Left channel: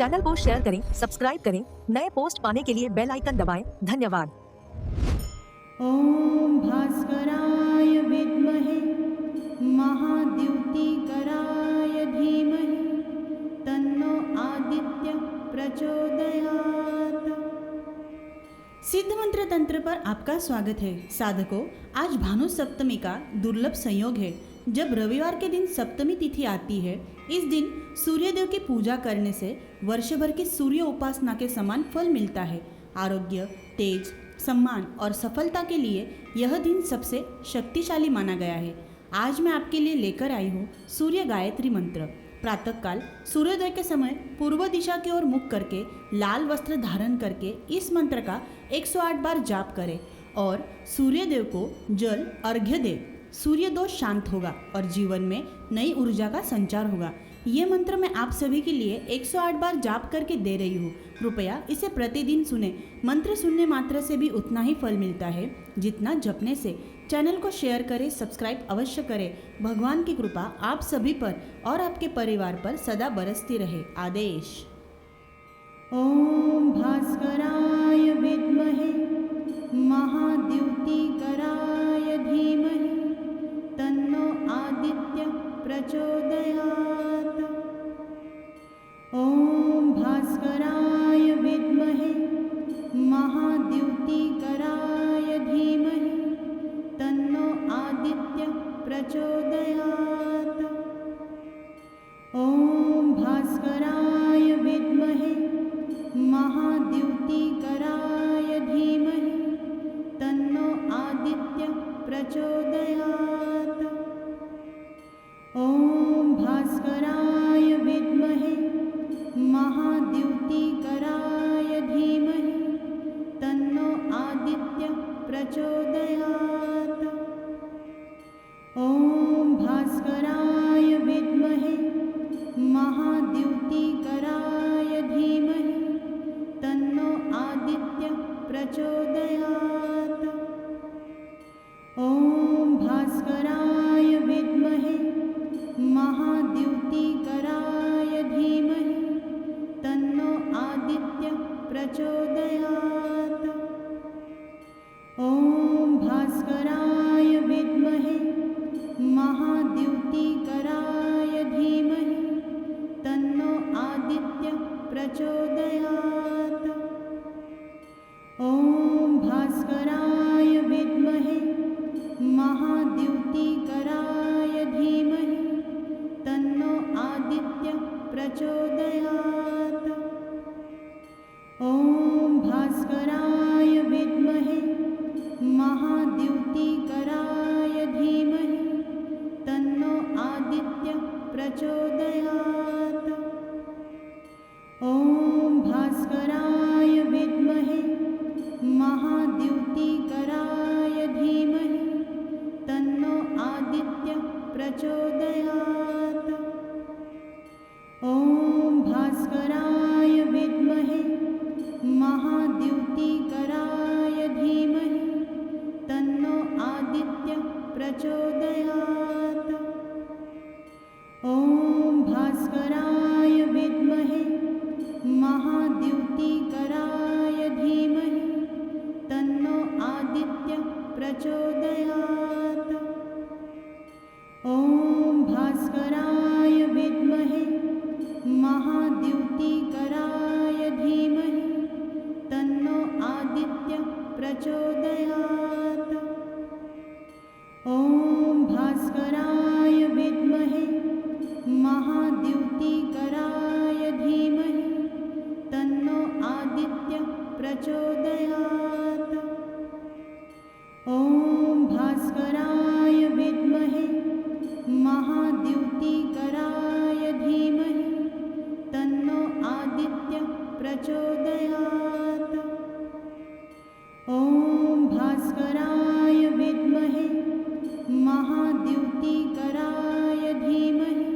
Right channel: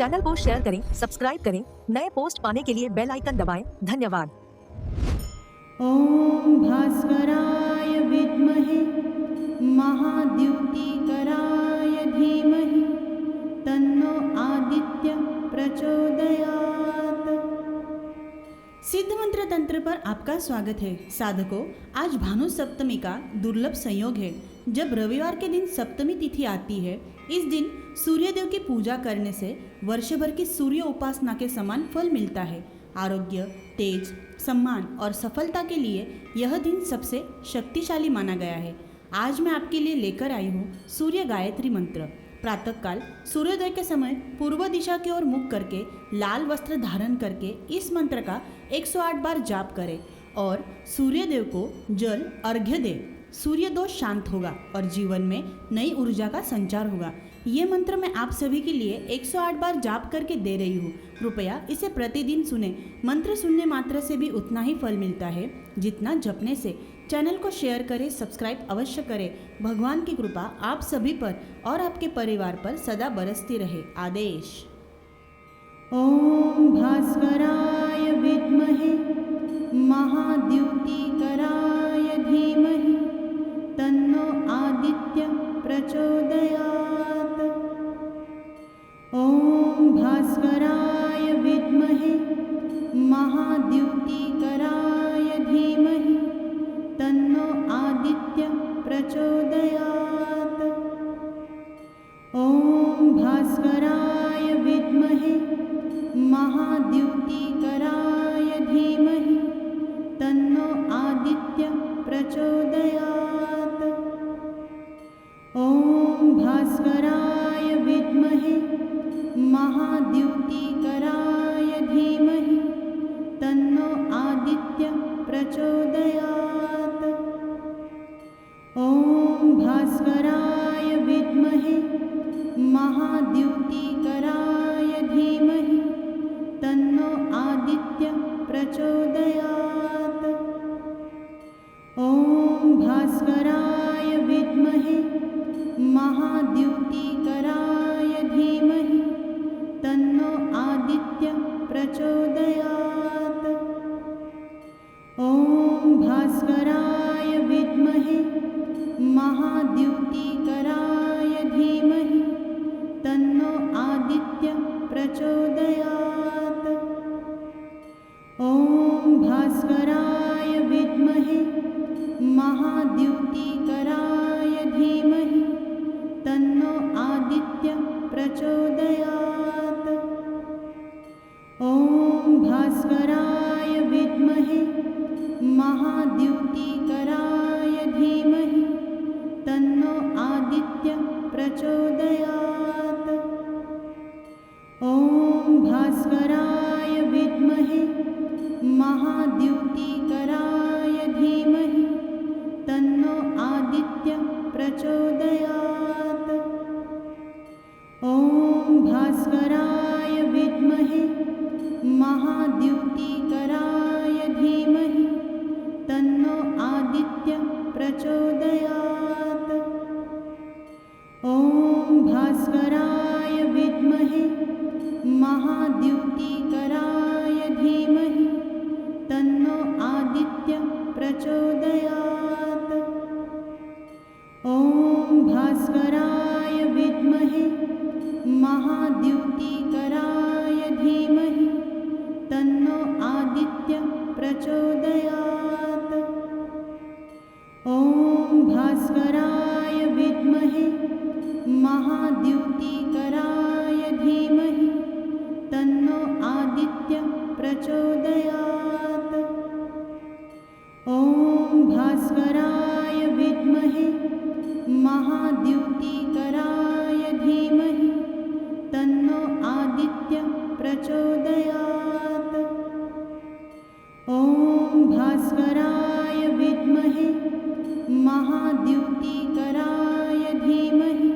Channel को share करें, subscribe करें, नए पोस्ट पाने के लिए बेल आइकन दबाएं। धन्यवाद। ॐ भास्कराय विद्महे महाद्युतिकराय धीमहि तन्नो आदित्य प्रचोदयात्। सिद्ध मंत्र तंत्र पर आपका स्वागत है। साधकों, आज भानु सप्तमी का दुर्लभ संयोग है। जब रविवार के दिन सप्तमी तिथि आती है, इस दिन सूर्यदेव की पूजा करने से वर्षभर की सूर्य उपासना के समान फल मिलता है। आरोग्य, तेज, सम्मान और सफलता के लिए यह दिन सबसे शक्तिशाली माना गया है। आज मैं आपके लिए लेकर आई हूँ सूर्य गायत्री मंत्र। प्रातःकाल सूर्योदय के समय पूर्व दिशा की ओर मुख करके लाल वस्त्र धारण करके इस मंत्र का 108 बार जाप करें और सूर्यदेव को जल अर्घ्य दें। सूर्य दोष शांत होगा और जीवन में नई ऊर्जा का संचार होगा। ये मंत्र मैं आप सभी के लिए 108 बार जाप करके दे रही हूँ। कृपया इसे प्रतिदिन सुने। मंत्र सुनने मात्र से भी उतना ही फल मिलता है जितना जपने से। चैनल को शेयर करें, सब्सक्राइब अवश्य करें। भगवान की कृपा आप सभी पर और आपके परिवार पर सदा बरसती रहे। आदेश। ओम भास्कराय विद्महे महाद्युतिकराय धीमहि तन्नो आदित्य प्रचोदयात्। ओम भास्कराय विद्महे महाद्युतिकराय धीमहि तन्नो आदित्य प्रचोदयात्। ओम भास्कराय विद्महे महाद्युतिकराय धीमहि तन्नो आदित्य प्रचोदयात्। ओम भास्कराय विद्महे महाद्युतिकराय धीमहि तन्नो आदित्य प्रचोदयात्। ओम भास्कराय विद्महे महाद्युतिकराय धीमहि तन्नो आदित्य प्रचोदयात्। ओम भास्कराय विद्महे महाद्युतिकराय धीमहि तन्नो आदित्य प्रचोदयात्। ओम भास्कराय विद्महे महाद्युतिकराय धीमहि तन्नो आदित्य प्रचोदयात्। ओम भास्कराय विद्महे महाद्युतिकराय धीमहि तन्नो आदित्य प्रचोदयात्। ओम भास्कराय विद्महे महाद्युतिकराय धीमहि तन्नो आदित्य प्रचोदयात्। ओम भास्कराय विद्महे महाद्युतिकराय धीमहि तन्नो आदित्य प्रचोदयात्। ओम भास्कराय विद्महे महाद्युतिकराय धीमहि तन्नो आदित्य प्रचोदयात्। ओम भास्कराय विद्महे महाद्युतिकराय धीमहि तन्नो आदित्य प्रचोदयात्। ओम भास्कराय विद्महे महाद्युतिकराय धीमहि तन्नो आदित्य प्रचोदयात्। ओम भास्कराय विद्महे महाद्युतिकराय धीमहि तन्नो आदित्य प्रचोदयात्। ओम भास्कराय विद्महे महाद्युतिकराय धीमहि तन्नो आदित्य प्रचोदयात्। ओम भास्कराय विद्महे महाद्युतिकराय धीमहि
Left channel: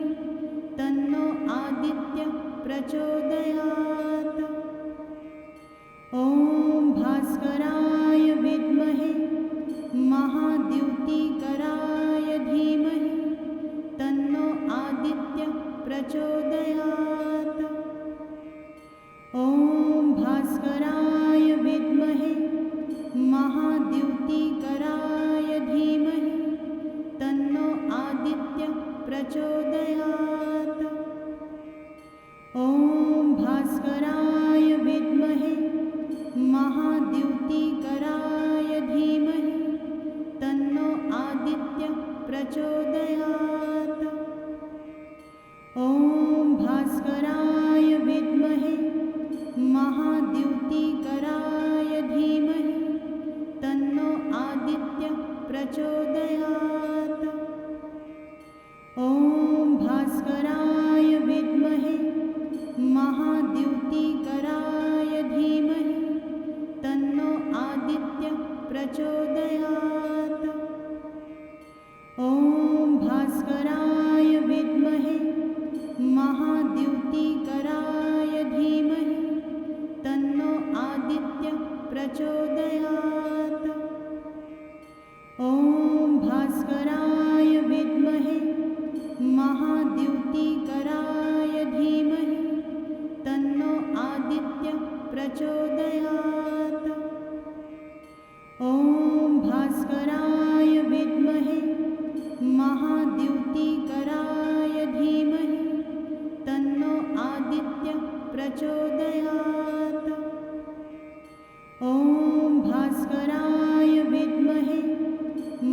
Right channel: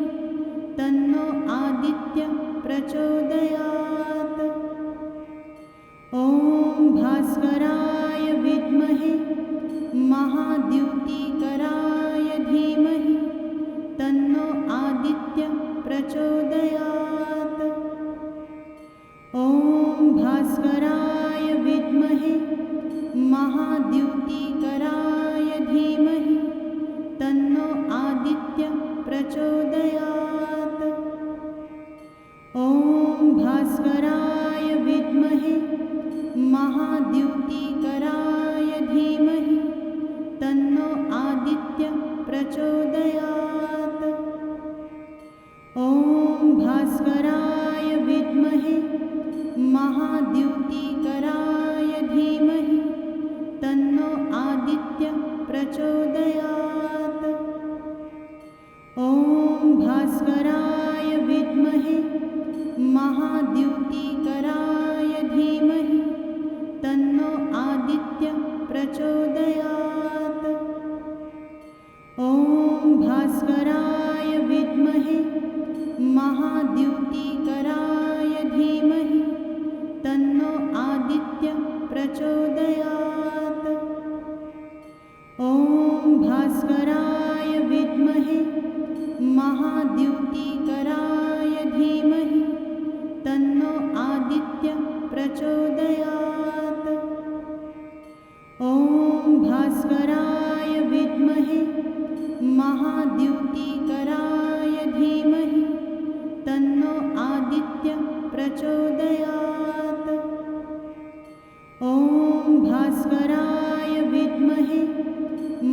तन्नो आदित्य प्रचोदयात्। ओम भास्कराय विद्महे महाद्युतिकराय धीमहि तन्नो आदित्य प्रचोदयात्। भास्कराय विद्महे महाद्युतिकराय धीमहि तन्नो आदित्य प्रचोदयात्। ॐ भास्कराय विद्महे महाद्युतिकराय धीमहि तन्नो आदित्य प्रचोदयात्। ॐ भास्कराय विद्महे महाद्युतिकराय धीमहि तन्नो आदित्य प्रचोदयात्। ॐ भास्कराय विद्महे महाद्युतिकराय धीमहि तन्नो आदित्य प्रचोदयात्। ॐ भास्कराय विद्महे महाद्युतिकराय धीमहि तन्नो आदित्य प्रचोदयात्। ॐ भास्कराय विद्महे महाद्युतिकराय धीमहि तन्नो आदित्य प्रचोदयात्। ॐ भास्कराय विद्महे महाद्युतिकराय धीमहि तन्नो आदित्य प्रचोदयात्। ॐ भास्कराय विद्महे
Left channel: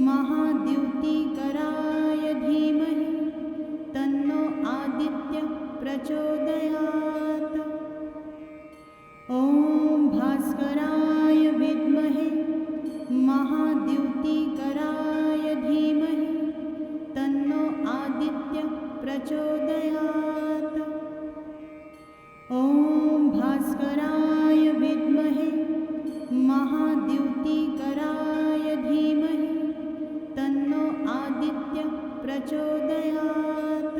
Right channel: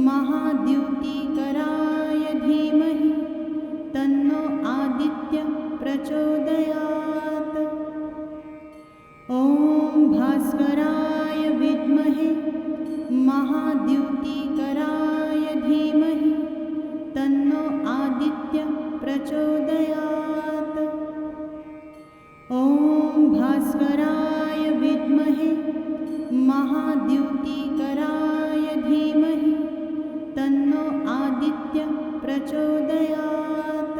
महाद्युतिकराय धीमहि तन्नो आदित्य प्रचोदयात्। ॐ भास्कराय विद्महे महाद्युतिकराय धीमहि तन्नो आदित्य प्रचोदयात्। ॐ भास्कराय विद्महे महाद्युतिकराय धीमहि तन्नो आदित्य प्रचोदयात्।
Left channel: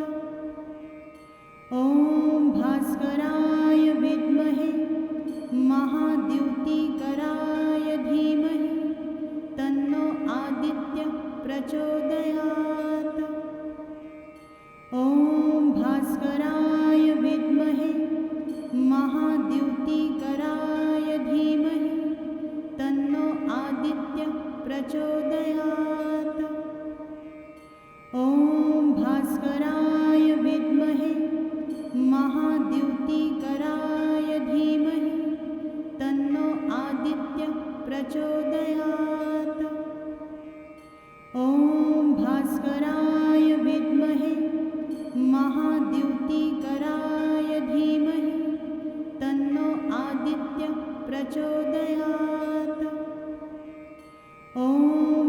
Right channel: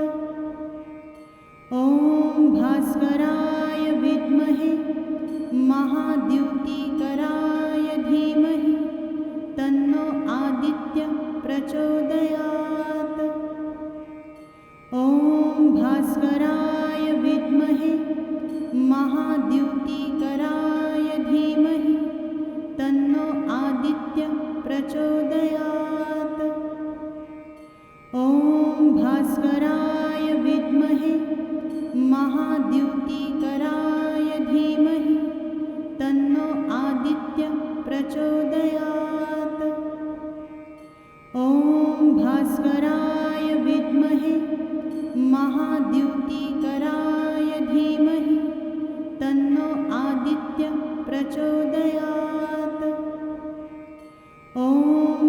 ॐ भास्कराय विद्महे महाद्युतिकराय धीमहि तन्नो आदित्य प्रचोदयात्। ॐ भास्कराय विद्महे महाद्युतिकराय धीमहि तन्नो आदित्य प्रचोदयात्। ॐ भास्कराय विद्महे महाद्युतिकराय धीमहि तन्नो आदित्य प्रचोदयात्। ॐ भास्कराय विद्महे महाद्युतिकराय धीमहि तन्नो आदित्य प्रचोदयात्। ॐ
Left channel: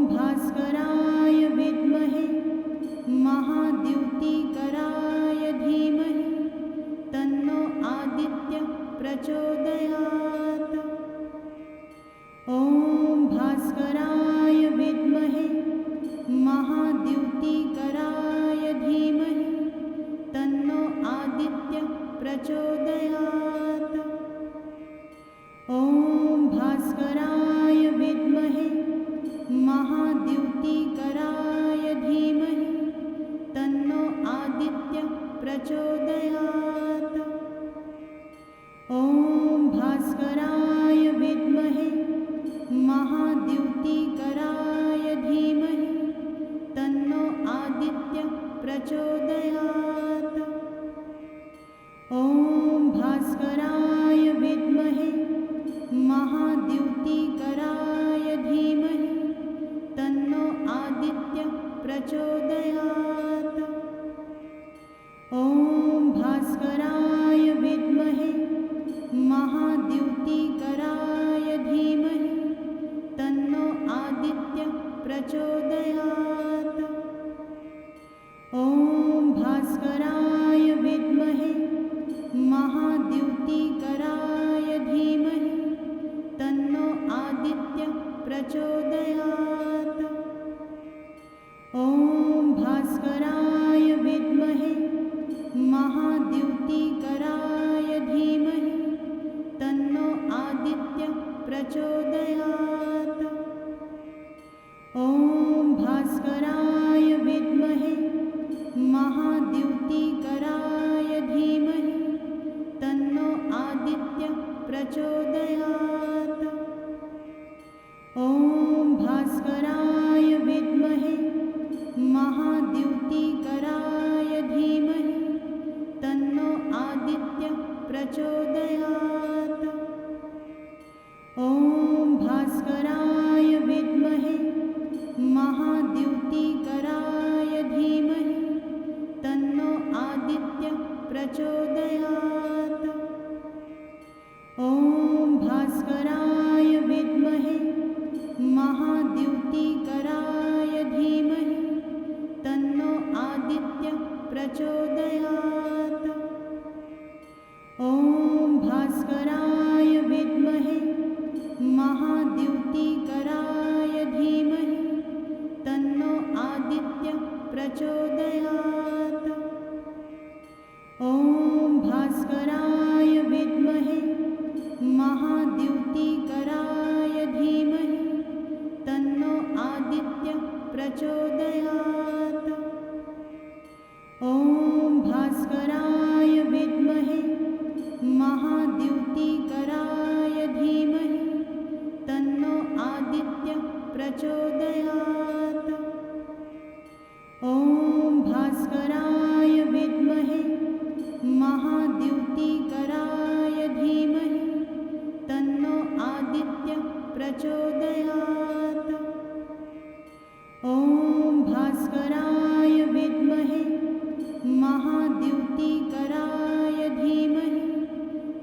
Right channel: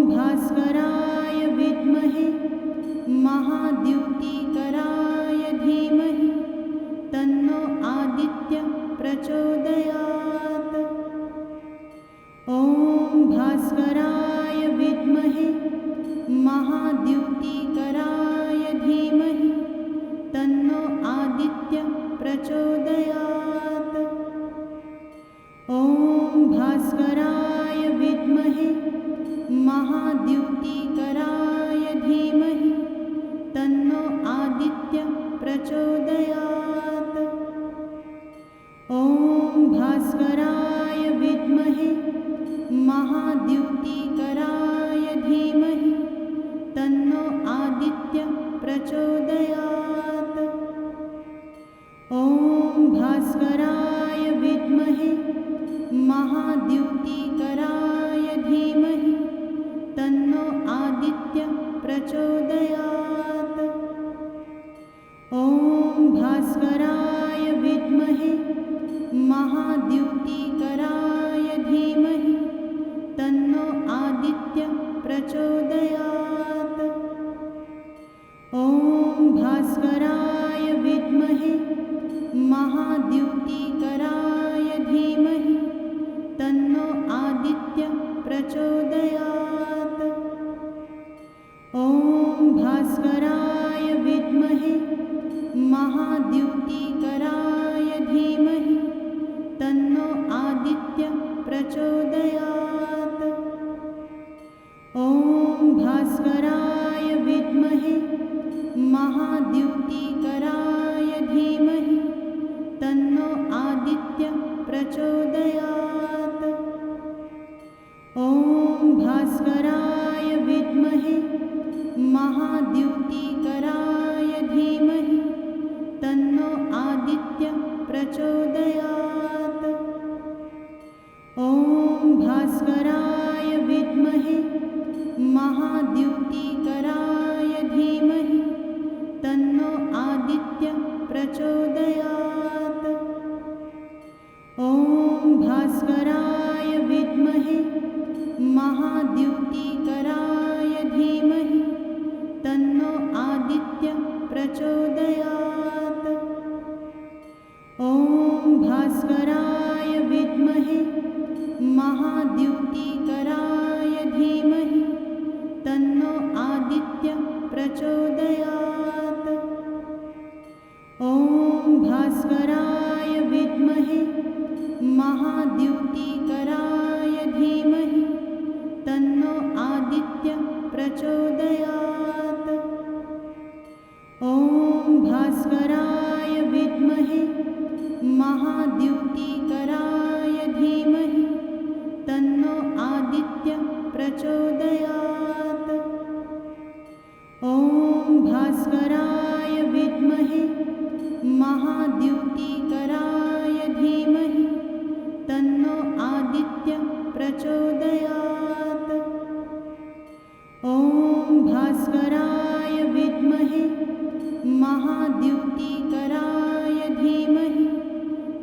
भास्कराय विद्महे महाद्युतिकराय धीमहि तन्नो आदित्य प्रचोदयात्। ॐ भास्कराय विद्महे महाद्युतिकराय धीमहि तन्नो आदित्य प्रचोदयात्। ॐ भास्कराय विद्महे महाद्युतिकराय धीमहि तन्नो आदित्य प्रचोदयात्। ॐ भास्कराय विद्महे महाद्युतिकराय धीमहि तन्नो आदित्य प्रचोदयात्। ॐ भास्कराय विद्महे महाद्युतिकराय धीमहि तन्नो आदित्य प्रचोदयात्। ॐ भास्कराय विद्महे महाद्युतिकराय धीमहि तन्नो आदित्य प्रचोदयात्। ॐ भास्कराय विद्महे महाद्युतिकराय धीमहि तन्नो आदित्य प्रचोदयात्। ॐ भास्कराय विद्महे महाद्युतिकराय धीमहि तन्नो आदित्य प्रचोदयात्। ॐ भास्कराय विद्महे महाद्युतिकराय धीमहि तन्नो आदित्य प्रचोदयात्। ॐ भास्कराय विद्महे महाद्युतिकराय धीमहि तन्नो आदित्य प्रचोदयात्। ॐ भास्कराय विद्महे महाद्युतिकराय धीमहि तन्नो आदित्य प्रचोदयात्। ॐ भास्कराय विद्महे महाद्युतिकराय धीमहि तन्नो आदित्य प्रचोदयात्। ॐ भास्कराय विद्महे महाद्युतिकराय धीमहि तन्नो आदित्य प्रचोदयात्। ॐ भास्कराय विद्महे महाद्युतिकराय धीमहि तन्नो आदित्य प्रचोदयात्। ॐ भास्कराय विद्महे महाद्युतिकराय धीमहि तन्नो आदित्य प्रचोदयात्। ॐ भास्कराय विद्महे महाद्युतिकराय धीमहि तन्नो आदित्य प्रचोदयात्। ॐ भास्कराय विद्महे महाद्युतिकराय धीमहि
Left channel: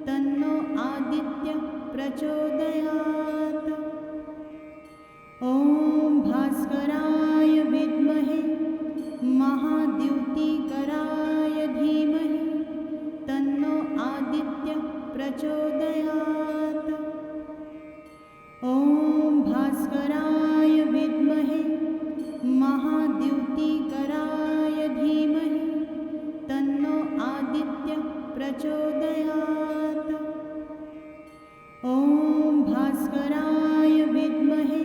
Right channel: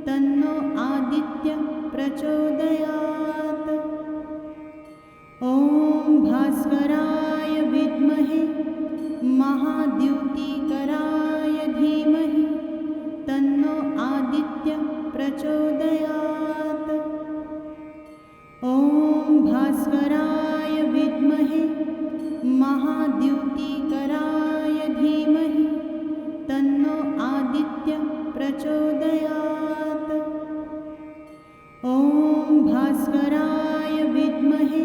तन्नो आदित्य प्रचोदयात्। ॐ भास्कराय विद्महे महाद्युतिकराय धीमहि तन्नो आदित्य प्रचोदयात्। ॐ भास्कराय विद्महे महाद्युतिकराय धीमहि तन्नो आदित्य प्रचोदयात्। ॐ भास्कराय विद्महे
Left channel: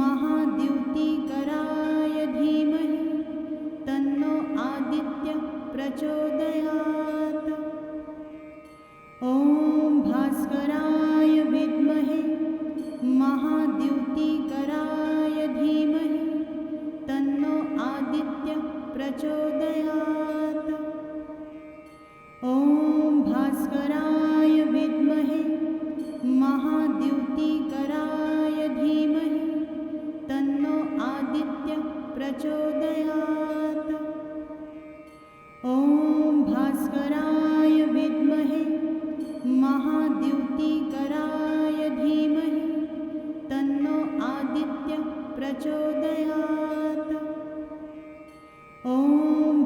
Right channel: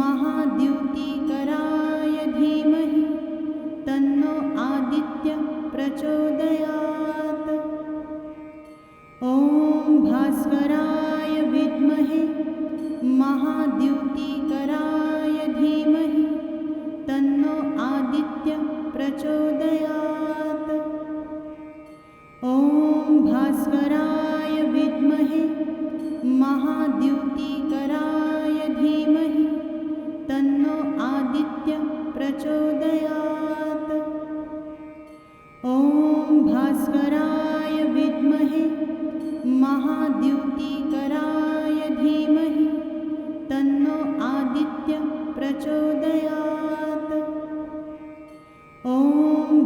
महाद्युतिकराय धीमहि तन्नो आदित्य प्रचोदयात्। ॐ भास्कराय विद्महे महाद्युतिकराय धीमहि तन्नो आदित्य प्रचोदयात्। ॐ भास्कराय विद्महे महाद्युतिकराय धीमहि तन्नो आदित्य प्रचोदयात्। ॐ भास्कराय विद्महे महाद्युतिकराय धीमहि तन्नो आदित्य प्रचोदयात्। ॐ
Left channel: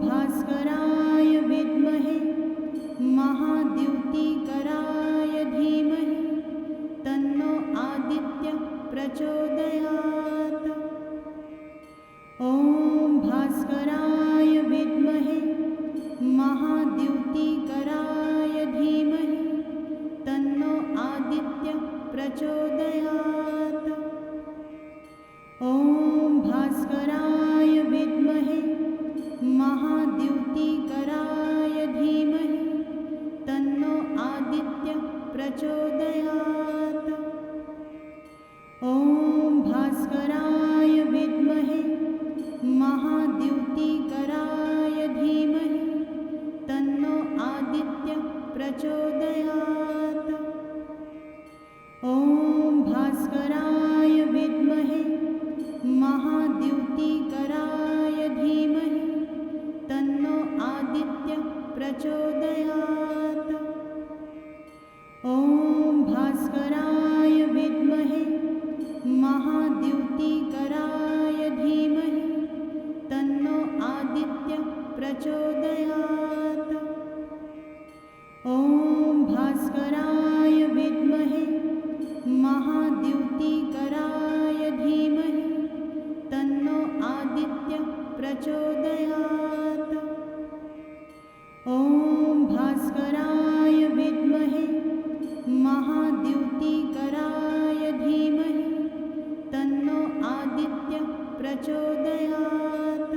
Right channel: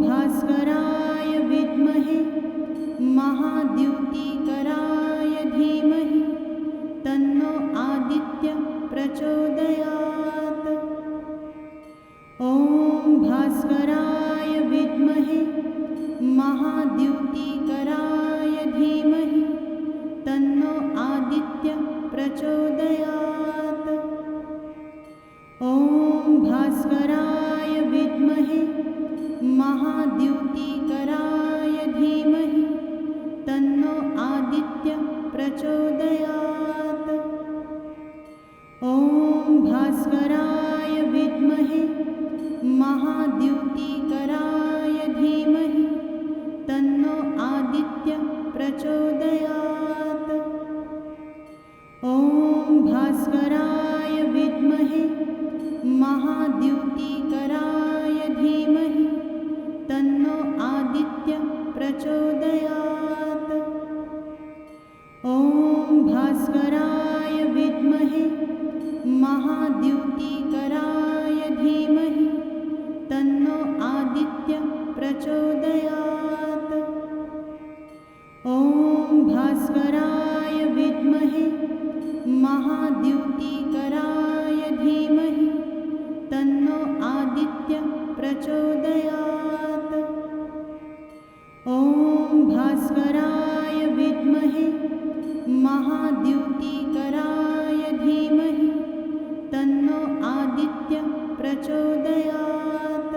भास्कराय विद्महे महाद्युतिकराय धीमहि तन्नो आदित्य प्रचोदयात्। ॐ भास्कराय विद्महे महाद्युतिकराय धीमहि तन्नो आदित्य प्रचोदयात्। ॐ भास्कराय विद्महे महाद्युतिकराय धीमहि तन्नो आदित्य प्रचोदयात्। ॐ भास्कराय विद्महे महाद्युतिकराय धीमहि तन्नो आदित्य प्रचोदयात्। ॐ भास्कराय विद्महे महाद्युतिकराय धीमहि तन्नो आदित्य प्रचोदयात्। ॐ भास्कराय विद्महे महाद्युतिकराय धीमहि तन्नो आदित्य प्रचोदयात्। ॐ भास्कराय विद्महे महाद्युतिकराय धीमहि तन्नो आदित्य प्रचोदयात्। ॐ भास्कराय विद्महे महाद्युतिकराय धीमहि तन्नो आदित्य प्रचोदयात्।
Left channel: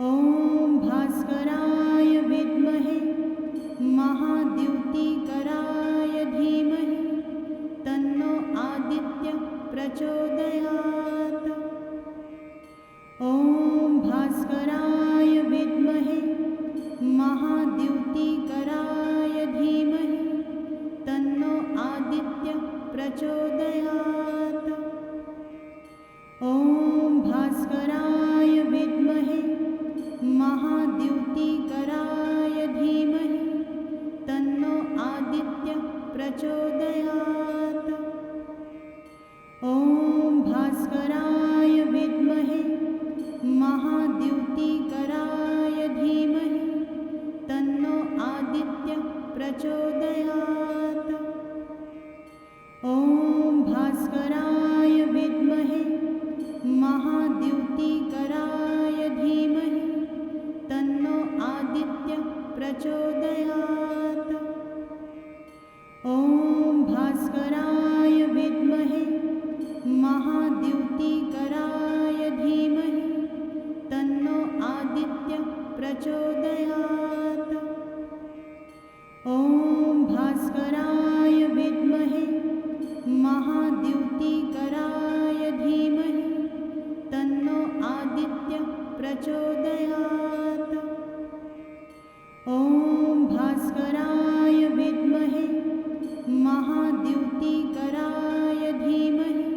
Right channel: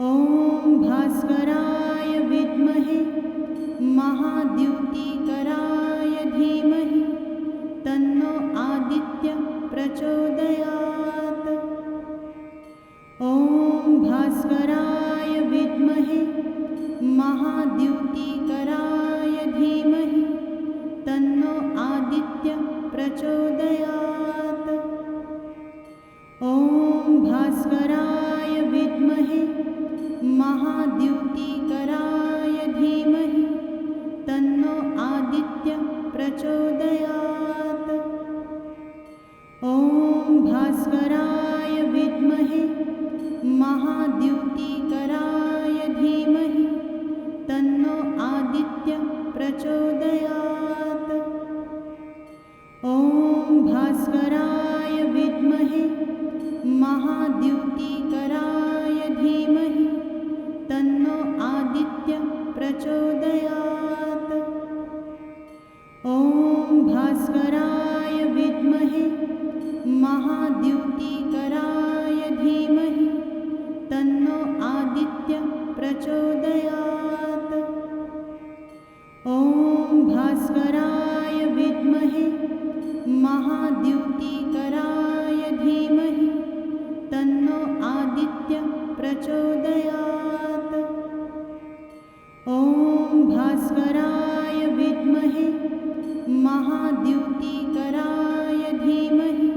ॐ भास्कराय विद्महे महाद्युतिकराय धीमहि तन्नो आदित्य प्रचोदयात्। ॐ भास्कराय विद्महे महाद्युतिकराय धीमहि तन्नो आदित्य प्रचोदयात्। ॐ भास्कराय विद्महे महाद्युतिकराय धीमहि तन्नो आदित्य प्रचोदयात्। ॐ भास्कराय विद्महे महाद्युतिकराय धीमहि तन्नो आदित्य प्रचोदयात्। ॐ भास्कराय विद्महे महाद्युतिकराय धीमहि तन्नो आदित्य प्रचोदयात्। ॐ भास्कराय विद्महे महाद्युतिकराय धीमहि तन्नो आदित्य प्रचोदयात्। ॐ भास्कराय विद्महे महाद्युतिकराय धीमहि तन्नो आदित्य प्रचोदयात्। ॐ भास्कराय विद्महे महाद्युतिकराय धीमहि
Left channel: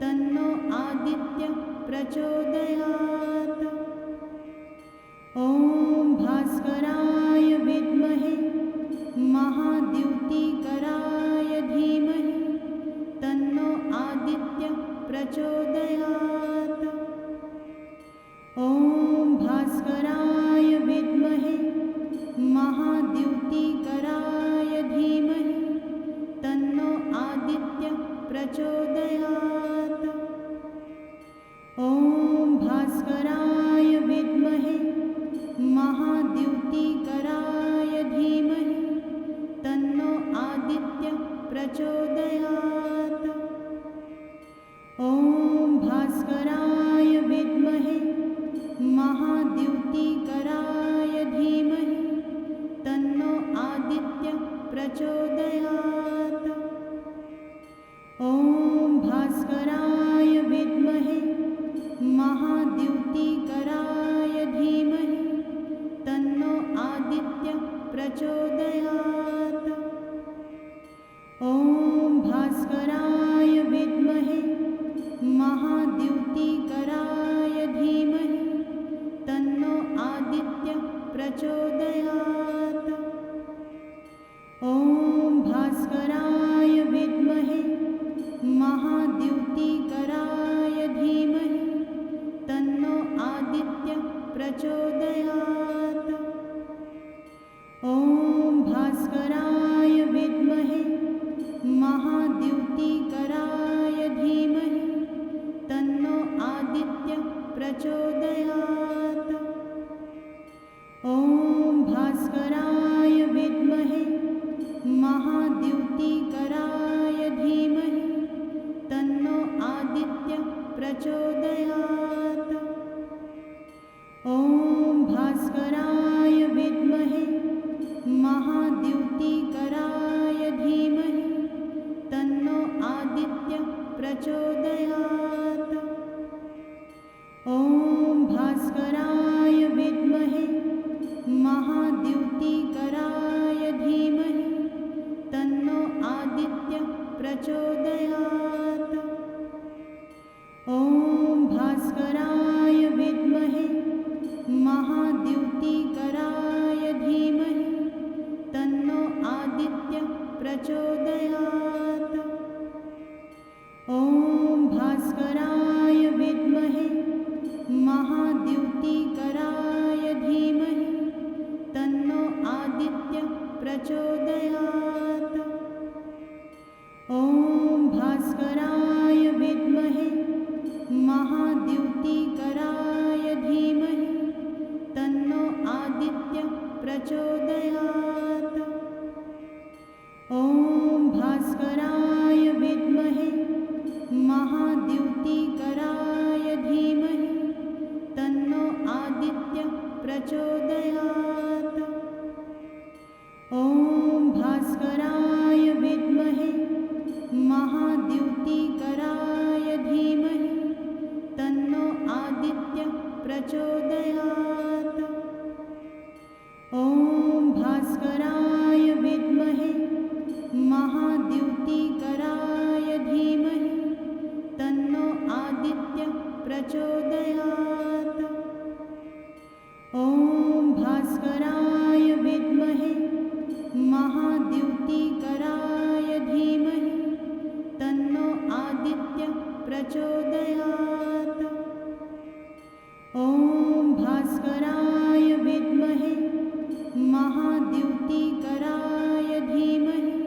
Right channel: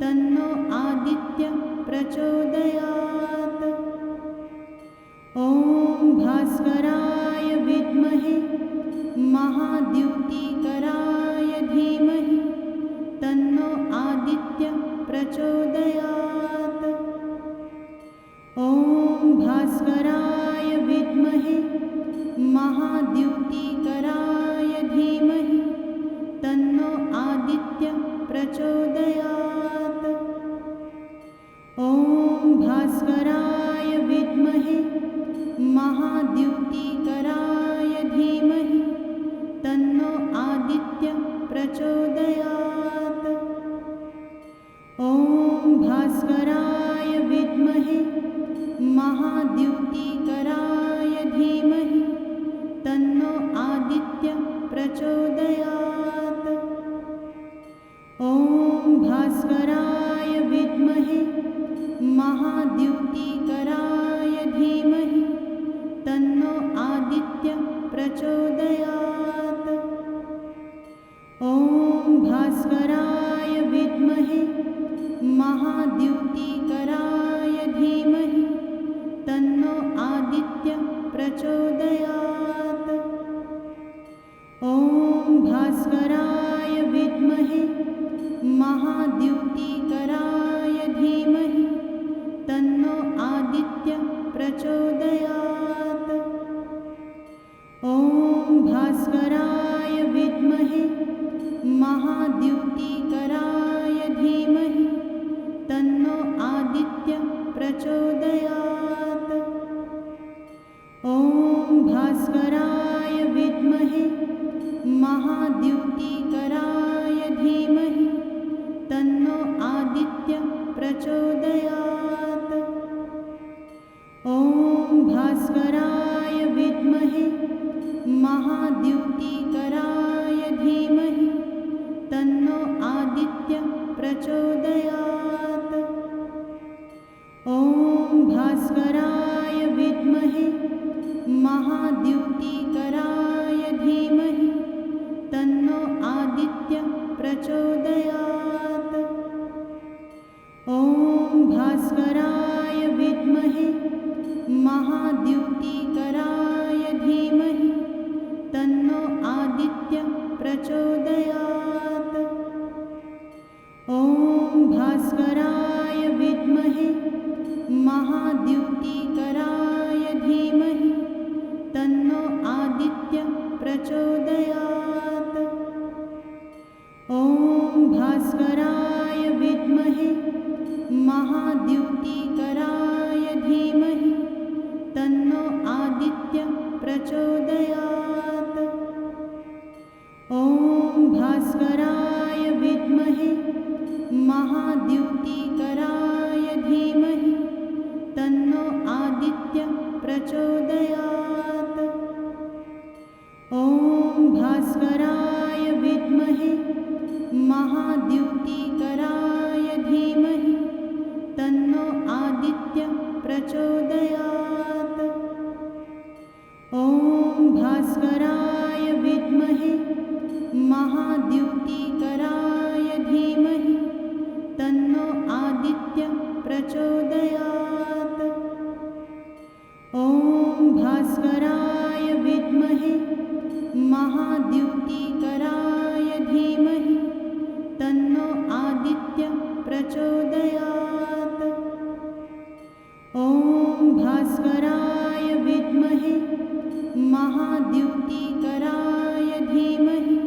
तन्नो आदित्य प्रचोदयात्। ॐ भास्कराय विद्महे महाद्युतिकराय धीमहि तन्नो आदित्य प्रचोदयात्। ॐ भास्कराय विद्महे महाद्युतिकराय धीमहि तन्नो आदित्य प्रचोदयात्। ॐ भास्कराय विद्महे महाद्युतिकराय धीमहि तन्नो आदित्य प्रचोदयात्। ॐ भास्कराय विद्महे महाद्युतिकराय धीमहि तन्नो आदित्य प्रचोदयात्। ॐ भास्कराय विद्महे महाद्युतिकराय धीमहि तन्नो आदित्य प्रचोदयात्। ॐ भास्कराय विद्महे महाद्युतिकराय धीमहि तन्नो आदित्य प्रचोदयात्। ॐ भास्कराय विद्महे महाद्युतिकराय धीमहि तन्नो आदित्य प्रचोदयात्। ॐ भास्कराय विद्महे महाद्युतिकराय धीमहि तन्नो आदित्य प्रचोदयात्। ॐ भास्कराय विद्महे महाद्युतिकराय धीमहि तन्नो आदित्य प्रचोदयात्। ॐ भास्कराय विद्महे महाद्युतिकराय धीमहि तन्नो आदित्य प्रचोदयात्। ॐ भास्कराय विद्महे महाद्युतिकराय धीमहि तन्नो आदित्य प्रचोदयात्। ॐ भास्कराय विद्महे महाद्युतिकराय धीमहि तन्नो आदित्य प्रचोदयात्। ॐ भास्कराय विद्महे महाद्युतिकराय धीमहि तन्नो आदित्य प्रचोदयात्। ॐ भास्कराय विद्महे महाद्युतिकराय धीमहि तन्नो आदित्य प्रचोदयात्। ॐ भास्कराय विद्महे महाद्युतिकराय धीमहि तन्नो आदित्य प्रचोदयात्। भास्कराय विद्महे महाद्युतिकराय धीमहि तन्नो आदित्य प्रचोदयात्। ॐ भास्कराय विद्महे महाद्युतिकराय धीमहि तन्नो आदित्य प्रचोदयात्। ॐ भास्कराय विद्महे महाद्युतिकराय धीमहि तन्नो आदित्य प्रचोदयात्। ॐ भास्कराय विद्महे महाद्युतिकराय धीमहि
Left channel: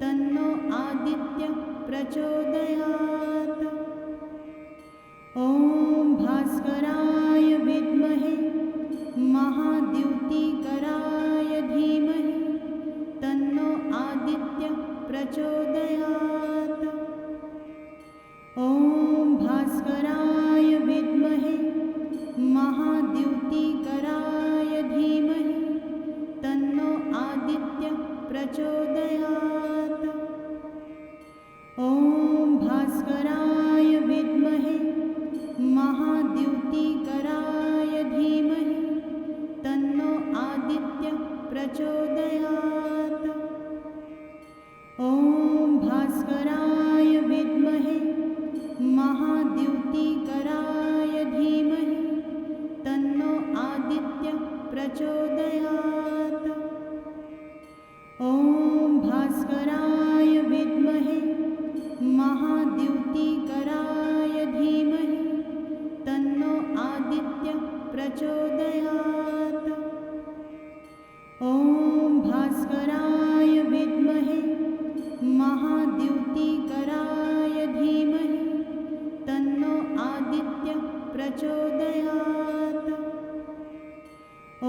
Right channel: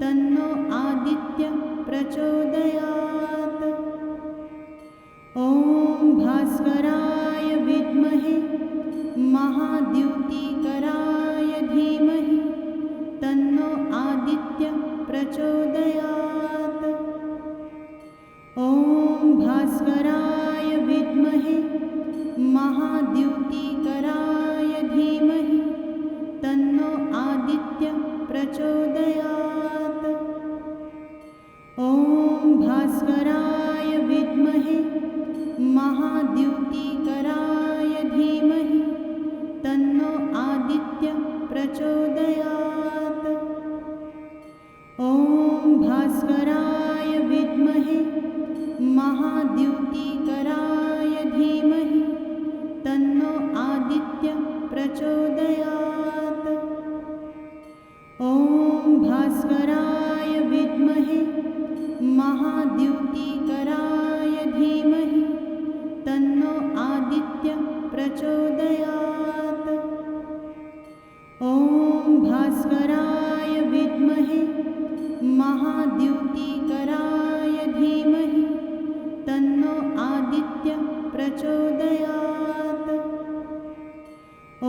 तन्नो आदित्य प्रचोदयात्। ॐ भास्कराय विद्महे महाद्युतिकराय धीमहि तन्नो आदित्य प्रचोदयात्। ॐ भास्कराय विद्महे महाद्युतिकराय धीमहि तन्नो आदित्य प्रचोदयात्। ॐ भास्कराय विद्महे महाद्युतिकराय धीमहि तन्नो आदित्य प्रचोदयात्। ॐ भास्कराय विद्महे महाद्युतिकराय धीमहि तन्नो आदित्य प्रचोदयात्। ॐ भास्कराय विद्महे महाद्युतिकराय धीमहि तन्नो आदित्य प्रचोदयात्। ॐ भास्कराय विद्महे महाद्युतिकराय धीमहि तन्नो आदित्य प्रचोदयात्। ॐ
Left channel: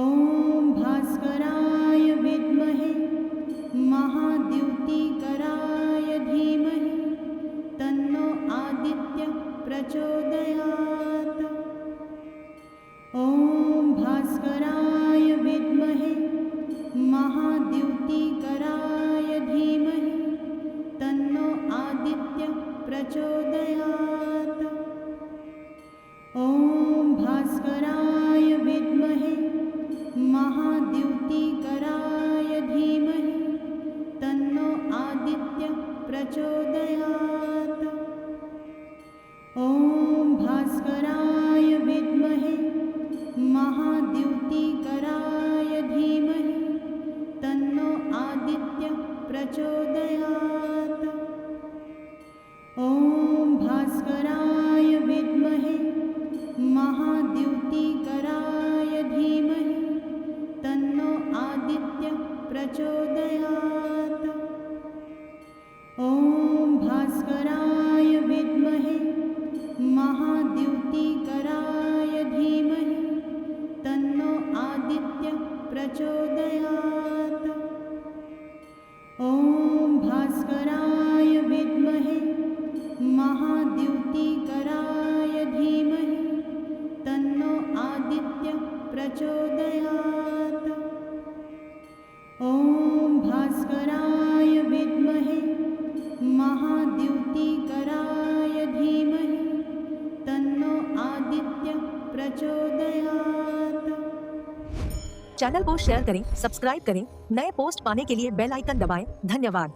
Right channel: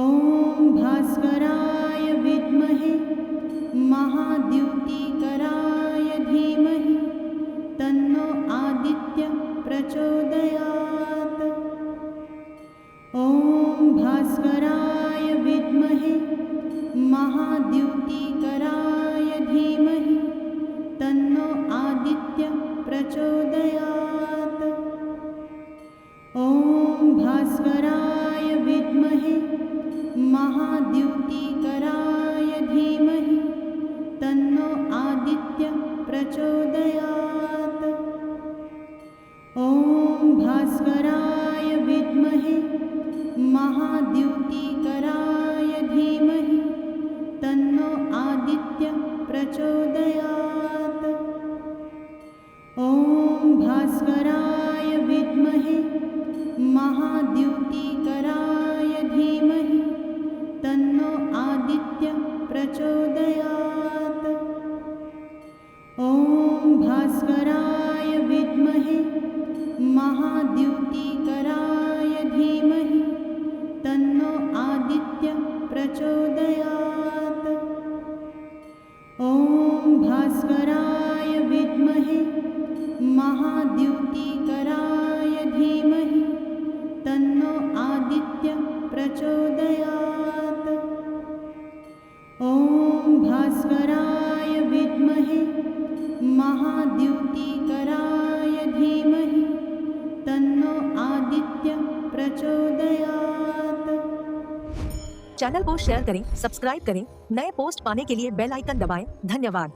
भास्कराय विद्महे महाद्युतिकराय धीमहि तन्नो आदित्य प्रचोदयात्। ॐ भास्कराय विद्महे महाद्युतिकराय धीमहि तन्नो आदित्य प्रचोदयात्। ॐ भास्कराय विद्महे महाद्युतिकराय धीमहि तन्नो आदित्य प्रचोदयात्। ॐ भास्कराय विद्महे महाद्युतिकराय धीमहि तन्नो आदित्य प्रचोदयात्। ॐ भास्कराय विद्महे महाद्युतिकराय धीमहि तन्नो आदित्य प्रचोदयात्। ॐ भास्कराय विद्महे महाद्युतिकराय धीमहि तन्नो आदित्य प्रचोदयात्। ॐ भास्कराय विद्महे महाद्युतिकराय धीमहि तन्नो आदित्य प्रचोदयात्। ॐ भास्कराय विद्महे महाद्युतिकराय धीमहि तन्नो आदित्य प्रचोदयात्। चैनल को शेयर करें, सब्सक्राइब करें, नए पोस्ट पाने के लिए बेल आइकन दबाएं। धन्यवाद।